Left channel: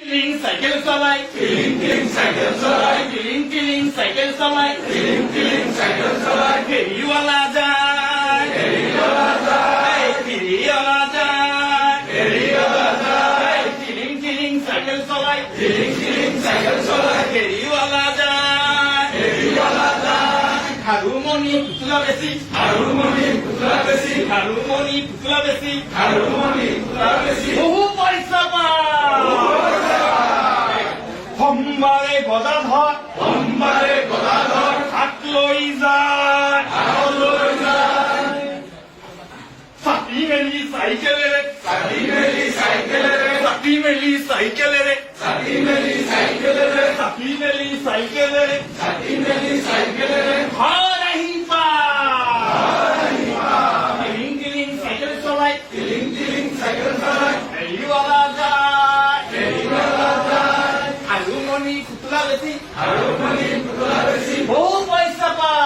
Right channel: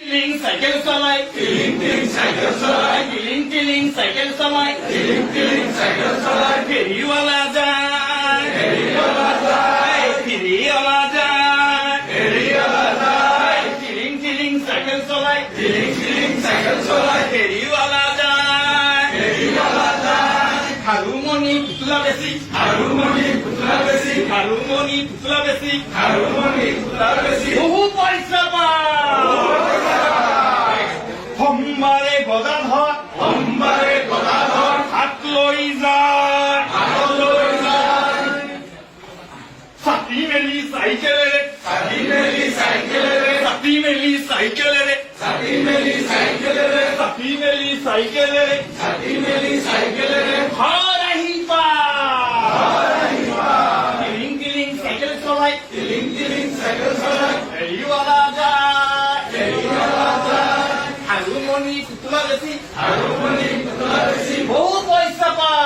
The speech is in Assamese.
টিলিং সাইকেল চলাই, টিলিং টিলিং সাইকেল চলাই, টিলিং টিলিং সাইকেল চলাই, টিলিং টিলিং সাইকেল চলাই, ফেরিওয়ালা যায়, ফেরিওয়ালা যায়, ফেরিওয়ালা যায়, ফেরিওয়ালা যায়, টিলিং টিলিং সাইকেল চলাই, টিলিং টিলিং সাইকেল চলাই, ফেরিওয়ালা যায়, ফেরিওয়ালা যায়, হারুমনি পুতলা বেশি, হারুমনি পুতলা বেশি, হারুমনি পুতলা বেশি, হারুমনি পুতলা বেশি, বহু পয়সা সোমবাৰে গদাধৰ, সোমবাৰে গদাধৰ হাত লৈ যায়, হাত লৈ যায়, ছাতি মেলি চাইকেলেৰে, ছাতি মেলি চাইকেলেৰে, ছাতি মেলি চাইকেলেৰে, ছাতি মেলি চাইকেলেৰে, ছাতি মেলি চাইকেলেৰে, ছাতি মেলি চাইকেলেৰে ঘৰ আহি পায়, টিলিং টিলিং চাইকেল চলাই, টিলিং টিলিং চাইকেল চলাই, ফেৰিৱালা যায়, ফেৰিৱালা যায়, হাৰুমনি পুতলা বেশি, হাৰুমনি পুতলা বেশি, বহু পয়সা পায়।